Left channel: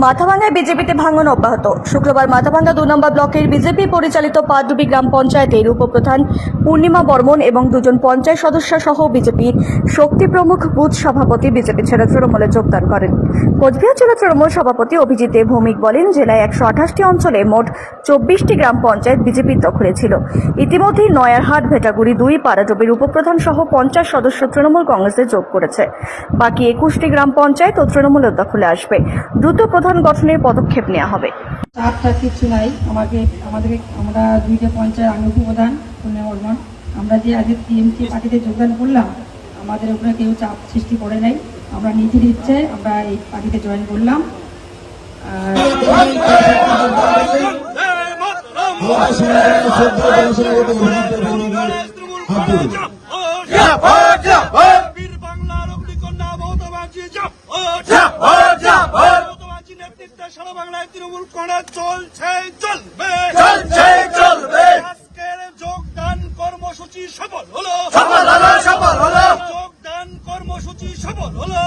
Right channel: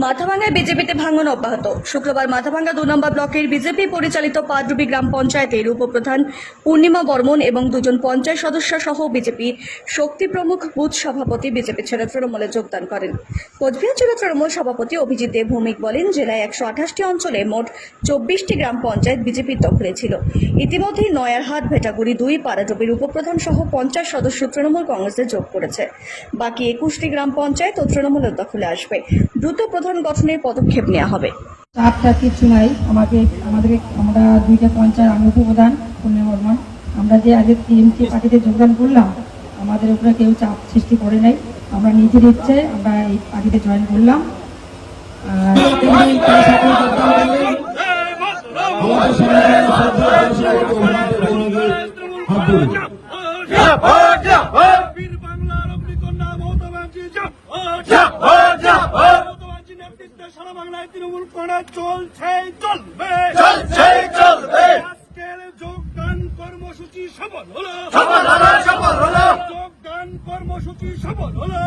মাথাভাঙ্গায় বিজেপিতে ভাঙন অব্যাহত। শুক্রবার মাথাভাঙ্গা 2 নম্বর ব্লকের বিজেপি পরিচালিত পাটডুবি গ্রাম পঞ্চায়েতের উপপ্রধান পূর্ণিমা বর্মন এবং 2 জন পঞ্চায়েত সদস্য সহ বিজেপি শক্তি প্রমুখ বুথ সভাপতি বিজেপি ছেড়ে তৃণমূলে যোগদান করেন। কোচবিহার জেলা তৃণমূল সভাপতি অভিজিৎ দেব ভৌমিক বলেন, জেলায় 128টি অঞ্চলে মোট 24টি গ্রাম পঞ্চায়েত বিজেপির দখলে ছিল। ইতিমধ্যেই নয়ারহাট, ভেটাগুড়ি 2 পাড়াডুবির উপপ্রধান সহ 50 সদস্য তৃণমূল কংগ্রেসে যোগ করেছে। বাকি 21টি গ্রাম পঞ্চায়েত ও তৃণমূলের দখলে আসবে। দ্রুত প্রধান গঠনের পদক্ষেপ নেওয়া হবে। চাপ কিছু নাই, আমরা 2টা পঞ্চায়েত, আমি উপপ্রধান পূর্ণিমা বর্মন, আমরা যে আগে টিএমসি পার্টিতে যোগদান করলাম, আমাদের উপরে কেউ চাপ সৃষ্টি করে নাই। আমরা নিজের ইচ্ছে আমরা এই পার্টিতে জয়েন করলাম। সারা বাংলায় তৃণমূল কংগ্রেস চলছে, চলবে। আজকের যোগদান কর্মসূচি সফল হলো, যোগদান কর্মসূচি সফল হলো।